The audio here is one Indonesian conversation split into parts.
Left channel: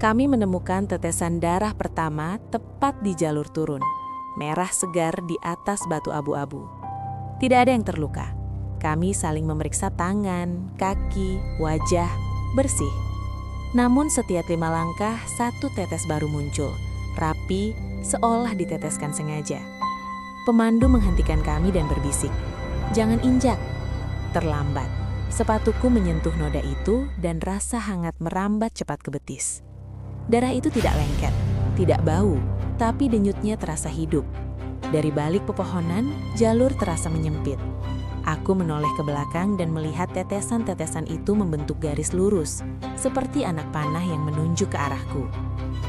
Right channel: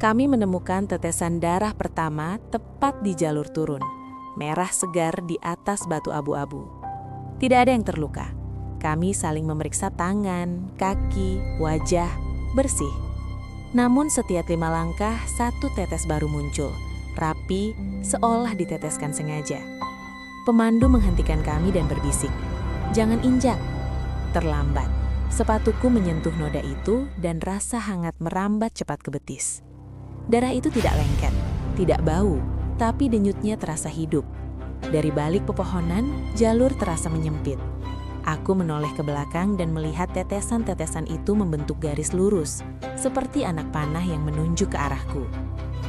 Kami menemukan tetesan darah pertama tepat di jalur turun, merah segar di atas batu abu-abu. Tidak ada yang terluka. Kami saling memeriksa tangan, kaki, wajah, bersih. Namun setiap 5 langkah, satu tetes baru muncul, rapi, seolah diteteskan sengaja. Pemandu menghentikan kami dan berbisik, "Jangan injak." Terlambat. Sepatuku menyentuh noda itu dan rasa hangat merambat cepat ke betis. Darah itu tidak lengket, tidak bau, tapi denyutnya terasa hidup. Dari balik pepohonan, jalur terasa menyempit. Aku menoleh ke belakang dan melihat tetesan-tetesan itu membentuk garis lurus, seperti anak panah yang menunjuk ke arahku.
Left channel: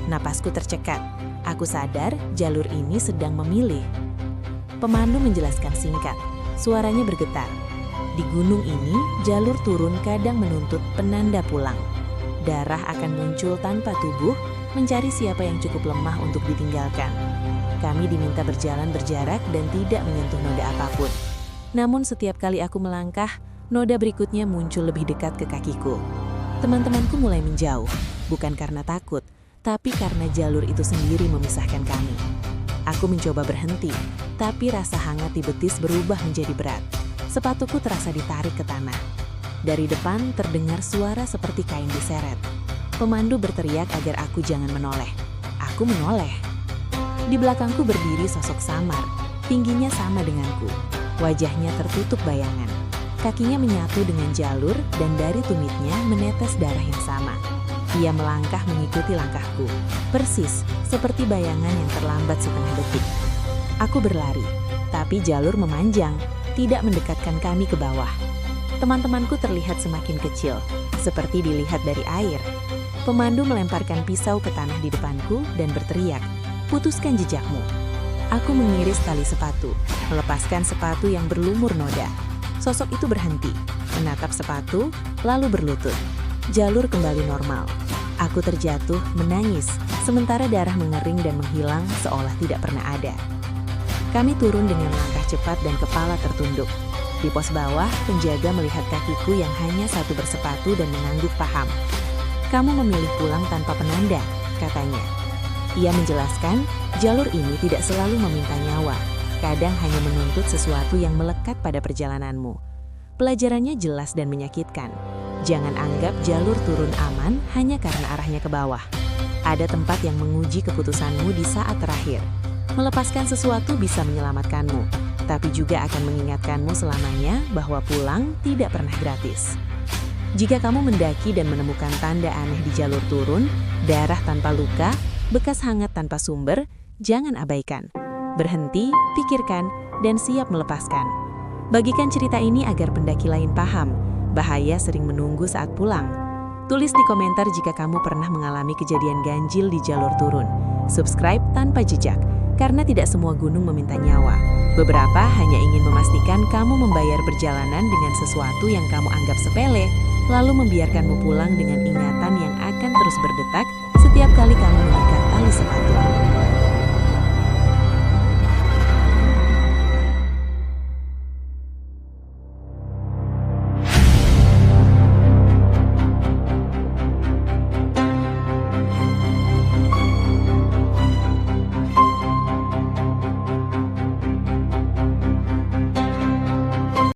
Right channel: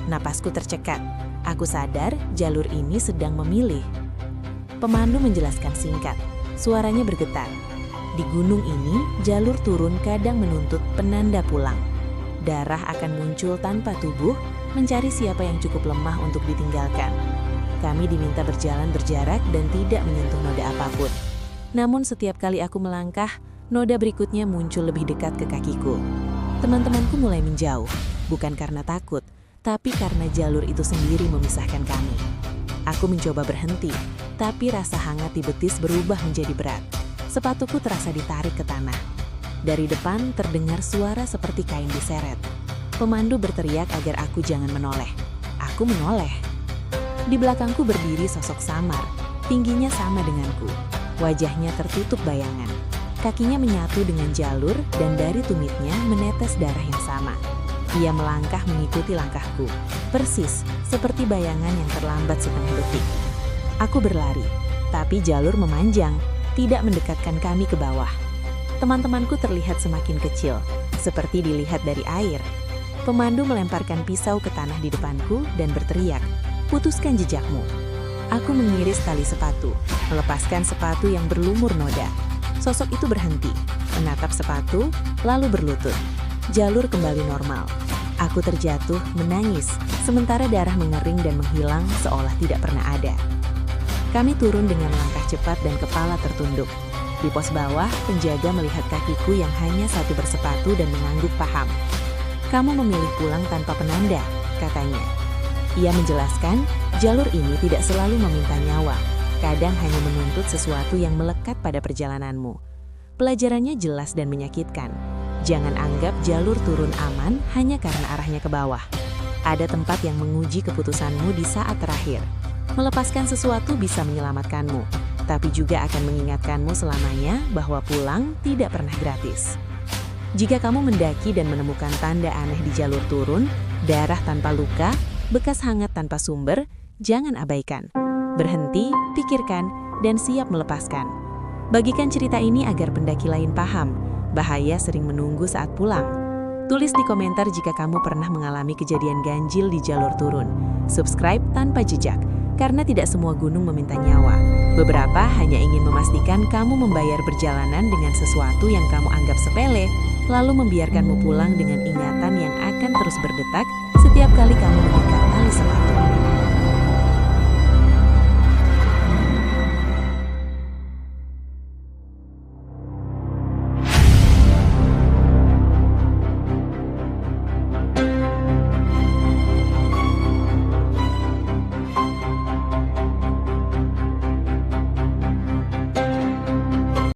Napasku tercekat. Aku sadar jalur ini sedang memilih. Pemandu menjelaskan singkat. Suaranya bergetar. Di gunung ini, jalur turun kadang menuntut penanda pulang. Darah akan muncul tanpa tubuh, mencari siapa yang cukup lemah untuk ditinggalkan. Kami diminta berjalan berjarak dan tidak menyentuh noda apapun. Namun setiap kali aku melangkah, noda berikutnya muncul lebih dekat ke kakiku. Teman-temanku mulai menjauh, bukan karena takut, tapi karena jalur itu sendiri memisahkan kami. Aku mencoba berhenti, tapi rasa hangat di betis berubah menjadi berat. Sepatuku terasa ditarik ke tanah. Dari depan terdengar suara seperti kain diseret. Pemandu berteriak agar aku jangan menoleh. Aku menoleh. Di belakangku berdiri sosok samar, tingginya sama denganku. Wajahnya tertutup bayangan. Kakinya menyatu dengan jalur dan dari tumitnya menetes darah yang sama. Ia melangkah mengikuti langkahku, persis seperti bayangan yang terlambat setengah detik. Aku berlari, tapi jalur memanjang, tidak mendekatkan kami ke bawah. Teman-temanku terlihat semakin kecil, seperti dilihat dari air. Pemandu melemparkan pisau ke tanah di depanku dan berteriak, "Putuskan jejakmu." Aku mengiris tali sepatu, melepaskan sepatu yang berlumur noda. Sosok itu berhenti, menatap sepatu, lalu berlutut. Jalur kembali normal. Aku terjatuh, menangis, sementara darah mengering dan menghilang seolah tidak pernah ada. Kami turun dengan langkah cepat dan kepala tertunduk. Di pos bawah, penjaga melihat kakiku yang hanya satu bersepatu dan mengangguk paham. "Kamu memilih pulang tanpa penanda," katanya. Ia menjelaskan, jalur ini tidak selalu meminta nyawa, kadang hanya menuntut sesuatu yang melekat pada perjalananmu. Pelajarannya jelas dan menyakitkan. Jangan anggap jalur turun aman hanya karena arahnya ke bawah. Ada tempat yang menguji keputusanmu di saat terakhir. Melepaskan sesuatu bisa menyelamatkanmu, tapi juga akan mengingatkanmu selamanya bahwa pulang tidak pernah gratis. Jika kamu mendaki dan menemukan tanda aneh di jalur turun, darah tanpa luka, bekas hangat tanpa sumber, jangan abaikan. Berhenti, pikirkan, dan siap melepaskan. Bagikan cerita ini agar pendaki lain paham, bahaya sering menunggu saat pulang. Tulis di komentar jika kamu pernah mengalami kejadian ganjil di jalur turun. Subscribe tanpa jejak, karena tidak semua gunung meminta nyawa. Beberapa hanya ingin memastikan kamu membayar perjalanan dengan sesuatu yang kamu anggap sepele, lalu membiarkanmu pulang dengan ingatan yang akan terus berdetak setiap kali kamu mengikat tali sepatu.